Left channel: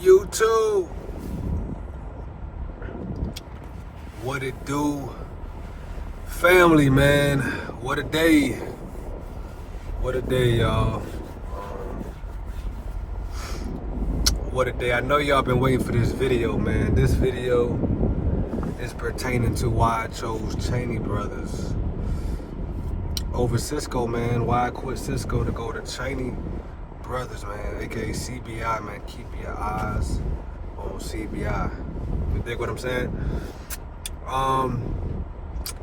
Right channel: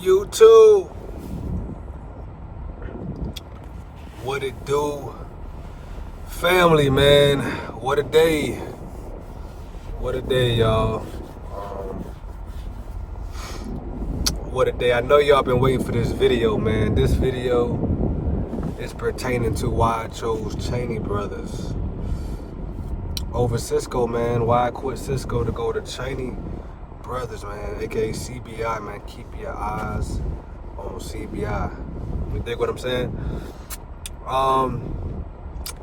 You too. What it do? Family, man. What a day. What a day, y'all. What a day. I know y'all been waiting for this video, man. This video is pertaining to why I chose Cheney Brothers over Cisco, man. Why I quit Cisco to go to Cheney Brothers, man, aka CBI, man. Keep your eyes on CBI. You dig what I'm saying?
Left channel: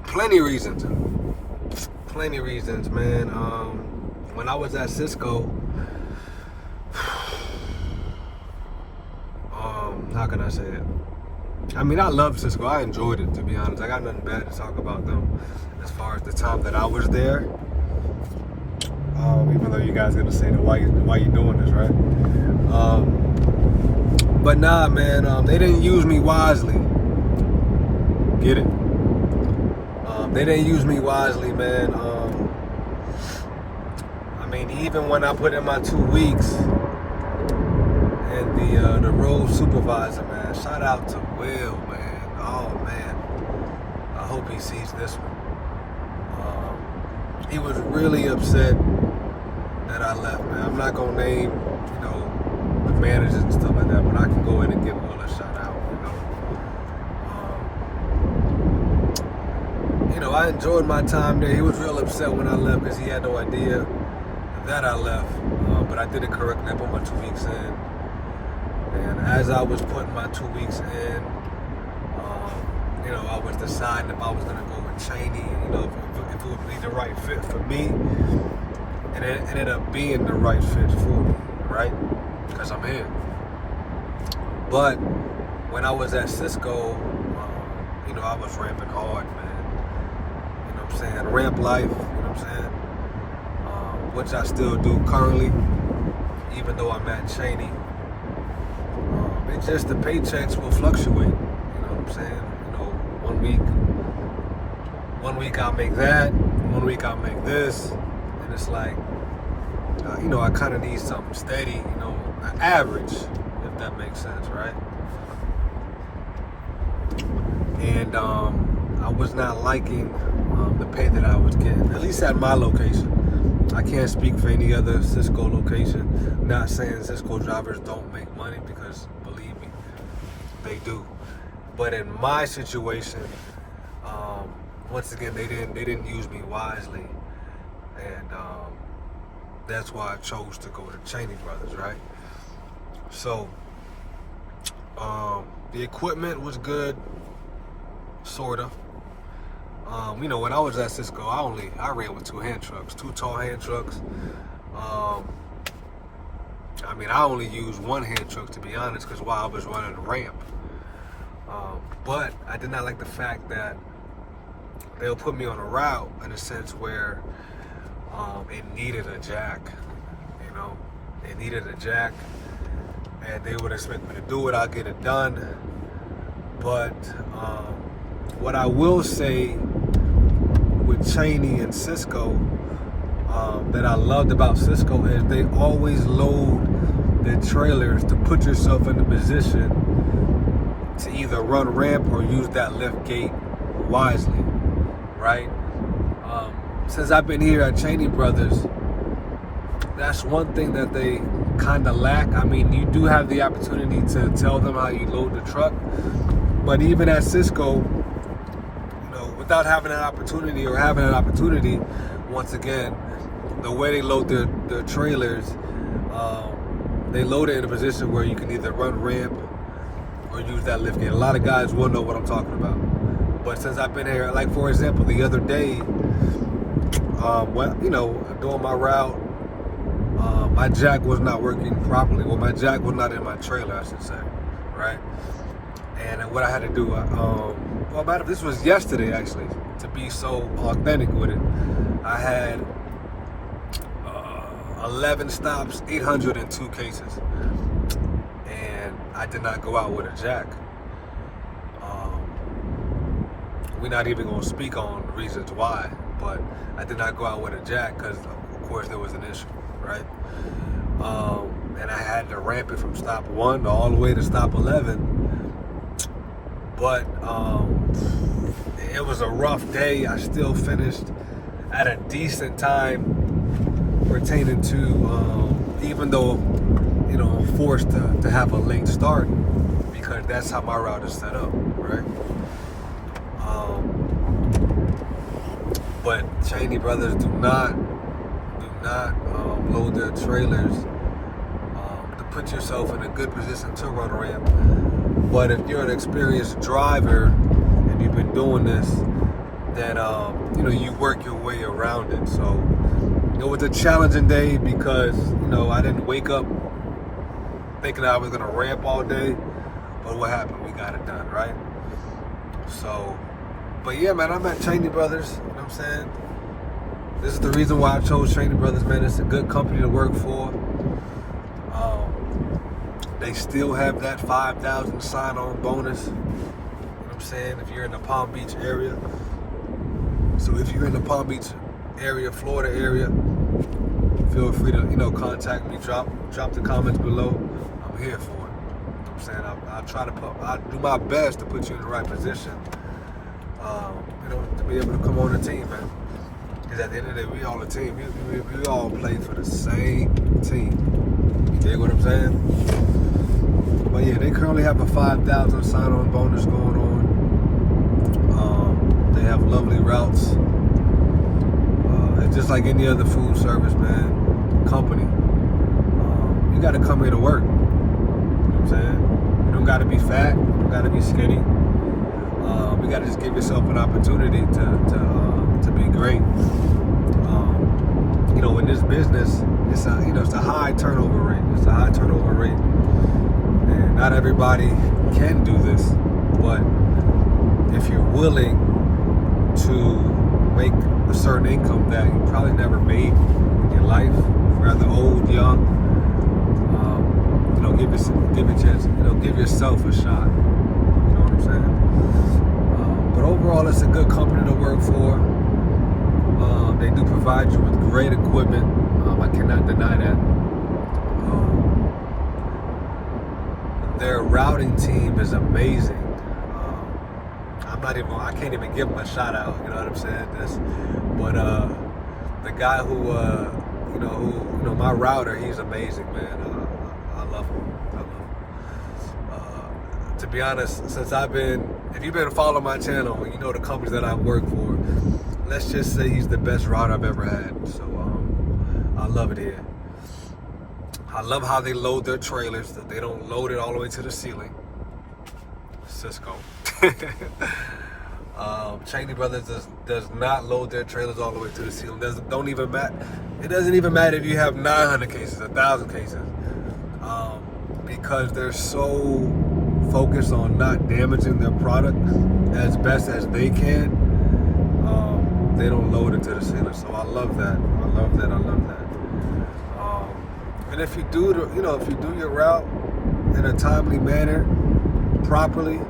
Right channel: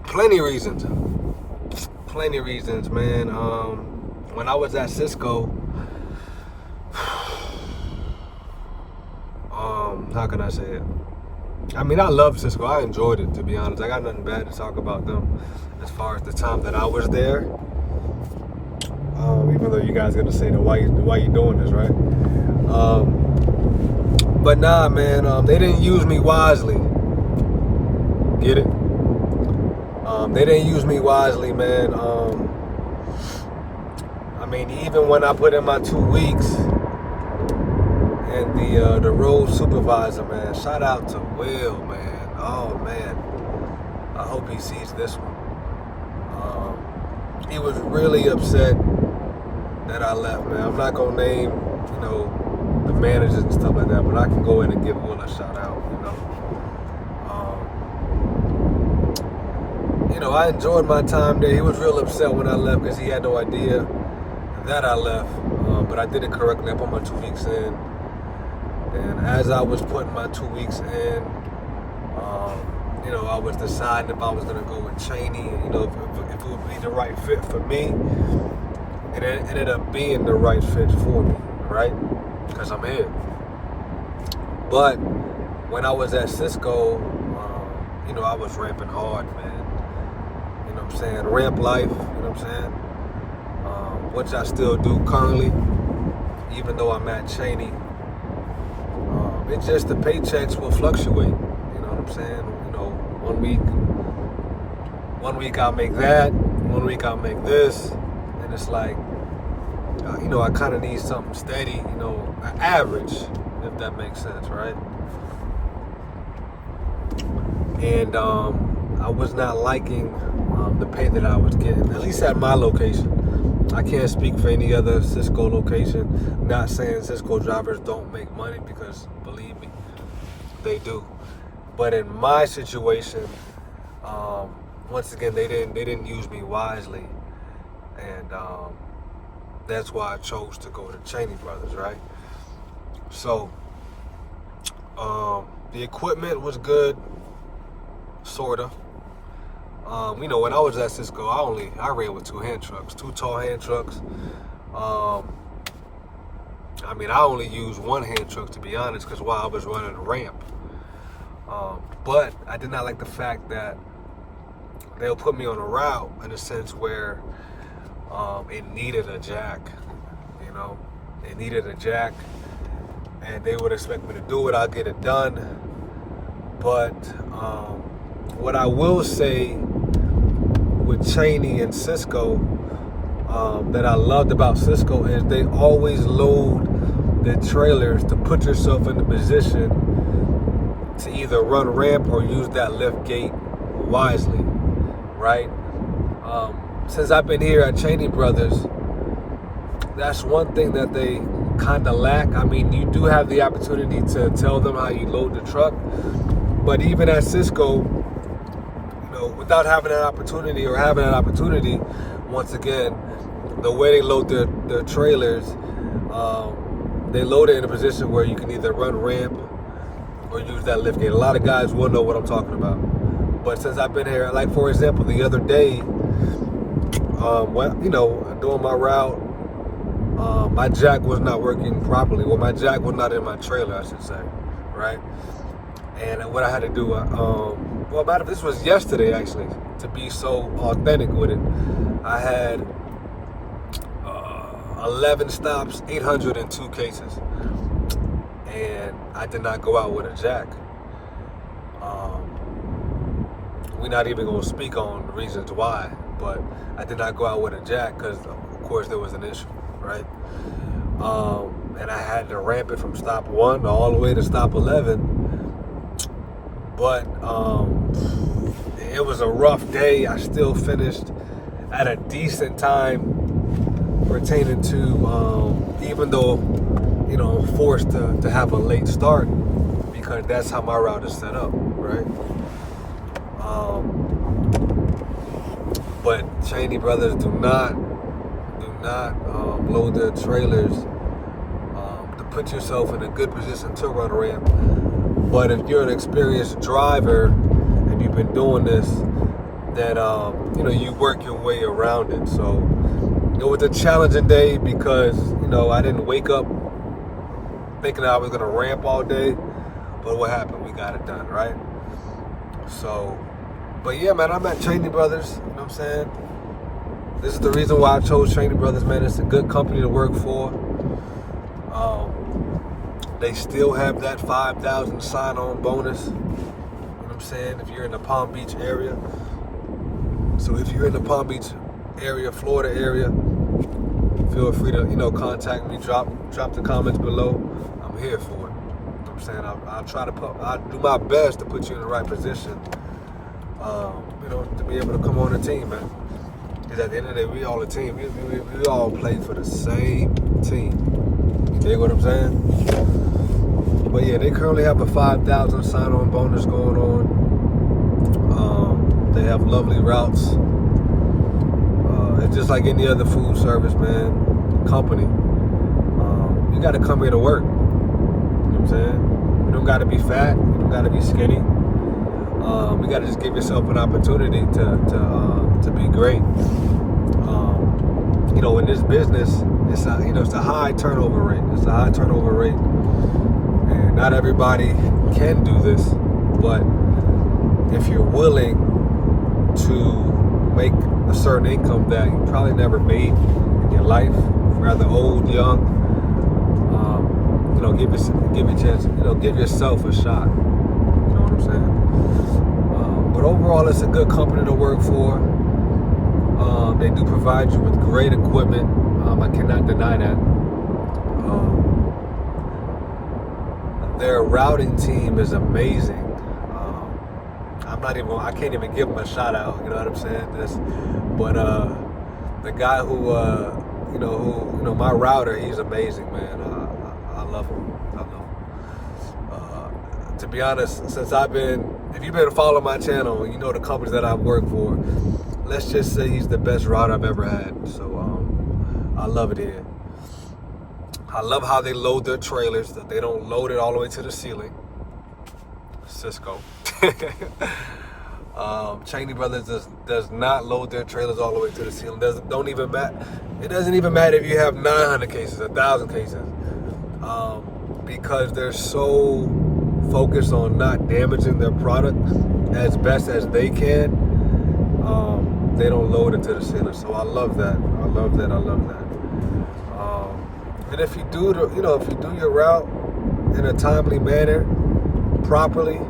Plenty reasons, man. When I was at Cisco, how can I say it? I mean, I loved Cisco. I enjoyed it, to be honest. I got nothing bad to talk about them as far as the time that I was there. Even though you guys gonna say, why you doing this, right? But nah, man, they didn't use me wisely. Get it? They didn't use me wisely, man. I mean, even when I put in my 2 weeks, and the road supervisor, man, shout out to Will, man. Oh man, I hope he sees this one. He was really upset that I left, man. I'm not gonna name, the managers and stuff like that, but I can go in and give Will a shout out, I enjoyed my time there. He was real upset when I left because he had no idea that I left, but I did it correctly. I put my 2 weeks in, and as I was putting my 2 weeks in, I was deciding if I was gonna go with Cheney, if it would be the right fit for me. And it ended up being the right fit for me, right? Because I'm here. But when I was at Cisco, I was ramping hard, man. You know what I'm saying? Ramp life, you know what I'm saying? Which I still do currently, even though I'm at Cheney. It's just the paychecks will fluctuate, you know what I'm saying? 1 week I'll make that, 1 week I'll make this, and it's like, I kind of need something steady, an average, if that makes sense, right? And I was not liking the pay that I was getting, at least at my location. I can't speak for any other Cisco location. Not saying Cisco drivers don't make money, because believe me, they do. But in my situation, once again, they didn't use me wisely, and that's why I chose to go to Cheney Brothers, right? So the equipment was good, sorta. When I was at Cisco, I ran with 2 hand trucks, 2 tall hand trucks. I only used 1 hand truck, to be honest, because while I was running the ramp. But I did not like the fact that they'll put me on a route in a sense where it needed a jack, It needed a jack, and they would expect me to do it. I'll get it done. But what I will say with Cheney and Cisco that I loved about Cisco is they always load the trailers to put yourself in the position to either run ramp or use that lift gate wisely, right? Since I've been here at Cheney Brothers, that's one thing that they kind of lack. I mean, you do have the opportunity to tell them how you load the truck, but even at Cisco, without having that opportunity or having an opportunity, once again, the way they load their trailers, they load it in a position where you can either run ramp or use that lift gate. A lot of guys will know what I'm talking about. But since I've been here, like for example, the other day, doing my route, my jack was not working properly. Well, my jack was not in my trailer, I should say, right? And what I had to do, this was yesterday actually, to be so authentic with it. I had 11 stops, 802 cases, and I did not go out with a jack. We're not even going to speak on the reasons why, but I did not go out with a jack because, of course, there was an issue, right? and I had to ramp it from stop 1 all the way to stop 11. But it was a rough day. I still finished at a decent time pertaining to, even though, I'm forced to have a late start because that's how my route is set up, right? But Cheney Brothers do not load their trailers to put yourself in a good position to run a ramp. But if you're an experienced driver and you've been doing this, then you work your way around it. So it was a challenging day because I didn't wake up thinking I was gonna ramp all day. But what happened? We got it done, right? So, but yeah, man, I'm at Cheney Brothers. You know what I'm saying? This is the reason why I chose Cheney Brothers, man. It's a good company to work for. They still have that 5,000 sign-on bonus. You know what I'm saying? If you're in the Palm Beach area. So if you're in the Palm Beach area, Florida area, feel free to, contact me. Drop the comments below. I'm here for it. You know what I'm saying? I'll do my best to put you in the right position. To be able to come on the team, man. Because at the end of the day, we all a team. We all play for the same team. You dig what I'm saying? But yeah, they currently have a 5,000 sign-on bonus going on. They have lovely routes. It's just like any other food service, man, company. You got to come here to work. You know what I'm saying? You don't got to be fat. You don't got to be skinny. You got to just give yourself an opportunity to be great. In this business, it's a high turnover rate. It's a high turnover rate, and not everybody can do this. But if you're willing to make a certain income that you probably never made in your life, rather old, young, give yourself a shot. You know what I'm saying? But overall, it's a good company to work for. They do provide you with great equipment. I cannot deny that. Their routing team is amazing. I can't even give them a shout out. You know what I'm saying? But the guy who my router, he's amazing, man. I love him. To be honest, if you've been following my channel and you know the companies that I've worked for, let's just say he's the best router I've ever had. So I love it here. I love how they load their trailers, that they don't load it all the way to the ceiling. Cisco. Cheney Brothers does not load their trailers all the way to the ceiling. It doesn't even matter if you have 900 cases, 1,000 cases. Because they're so focused on not damaging their product as best as they can. They don't load it to the ceiling. So I love that. And if you do your route in a timely manner, properly,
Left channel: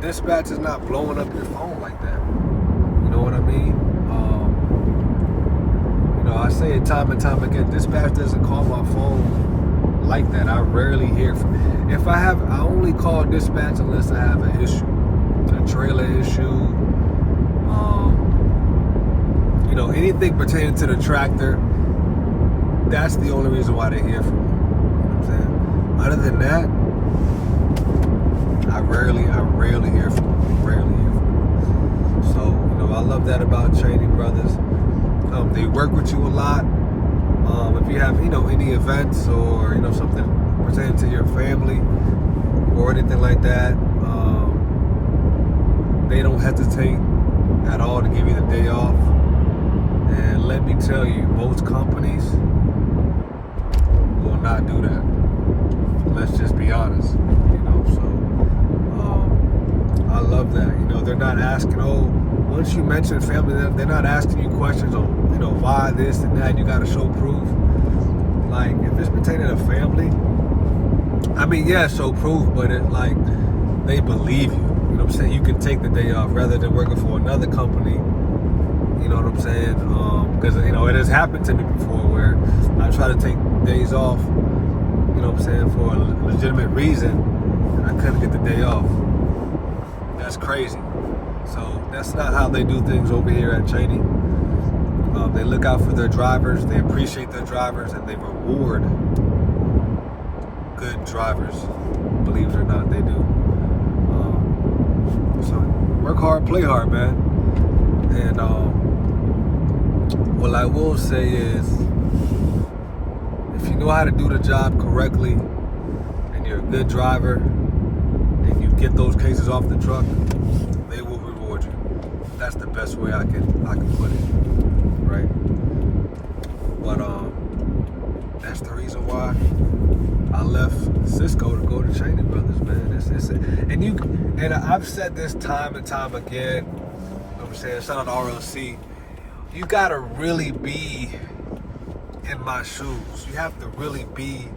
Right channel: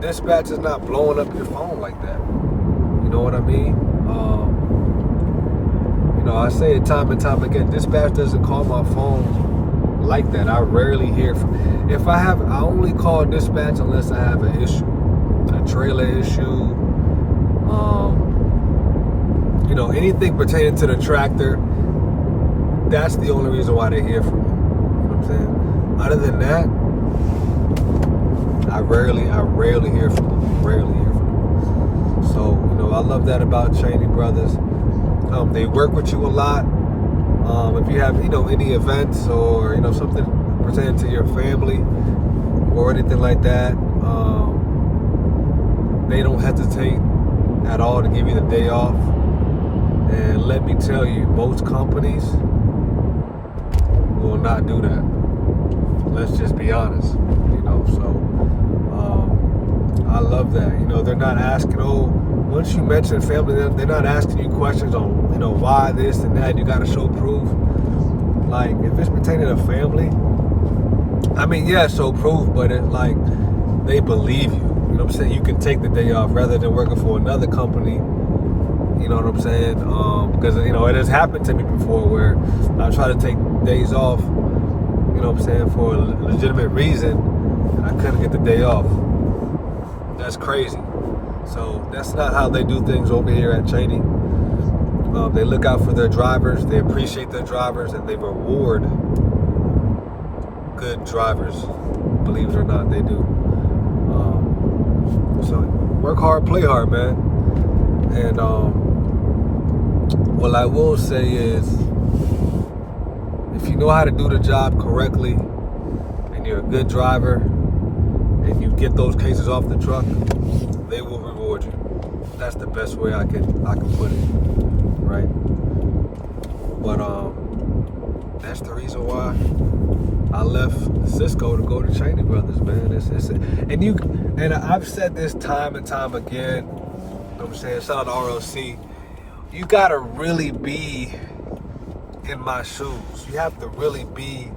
dispatch is not blowing up your phone like that. You know what I mean? I say it time and time again. Dispatch doesn't call my phone like that. I rarely hear from. I only call dispatch unless I have an issue, a trailer issue. Anything pertaining to the tractor. That's the only reason why they hear from me. You know what I'm saying? Other than that, I rarely hear from them. So, I love that about Cheney Brothers. They work with you a lot. If you have, any events or, something pertaining to your family or anything like that, they don't hesitate at all to give you the day off. And let me tell you, most companies will not do that. Let's just be honest, so I love that. They're not asking, once you mention family, they're not asking you questions on, why this and that. You got to show proof. Like, if it's pertaining to family, show proof, but they believe you. You know what I'm saying? You can take the day off rather than working for another company. You know what I'm saying? Because, it has happened to me before where I try to take days off, you know what I'm saying, for a legitimate reason, and I couldn't get the day off. That's crazy. So that's not how they do things over here at Cheney. They look out for their drivers, they appreciate their drivers, and they reward good drivers. Believe it or not, they do. So work hard, play hard, man. And what I will say is, if you know how to do the job correctly, and you're a good driver, and you get those cases off the truck, they will reward you. That's the best way I can put it, right? But that's the reason why I left Cisco to go to Cheney Brothers, man. And I've said this time and time again. You know what I'm saying? Shout out to RLC. You gotta really be in my shoes. You have to really be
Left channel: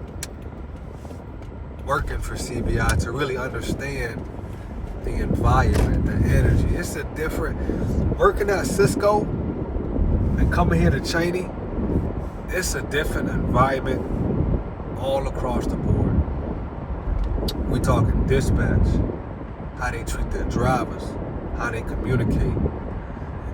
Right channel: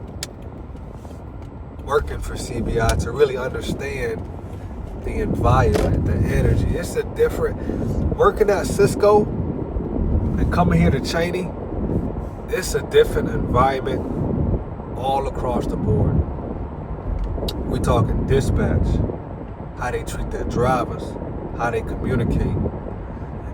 working for CBI to really understand the environment, the energy. It's a different, working at Cisco and coming here to Cheney, it's a different environment all across the board. We're talking dispatch, how they treat their drivers, how they communicate.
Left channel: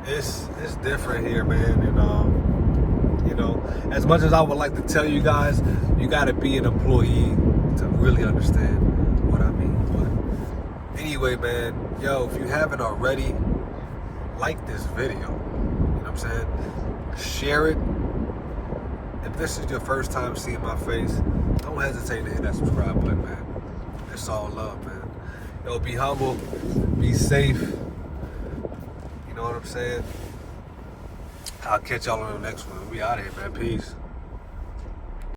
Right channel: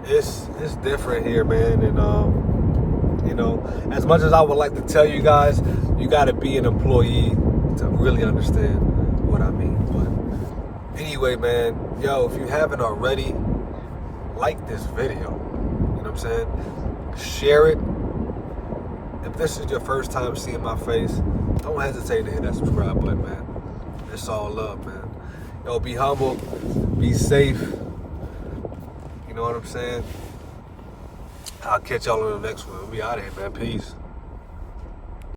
It's different here, man. And you know, as much as I would like to tell you guys, you got to be an employee to really understand what I mean. But anyway, man, yo, if you haven't already, like this video. You know what I'm saying? Share it. If this is your first time seeing my face, don't hesitate to hit that subscribe button, man. It's all love, man. Yo, be humble, be safe. You know what I'm saying? I'll catch y'all on the next one. We out of here, man. Peace.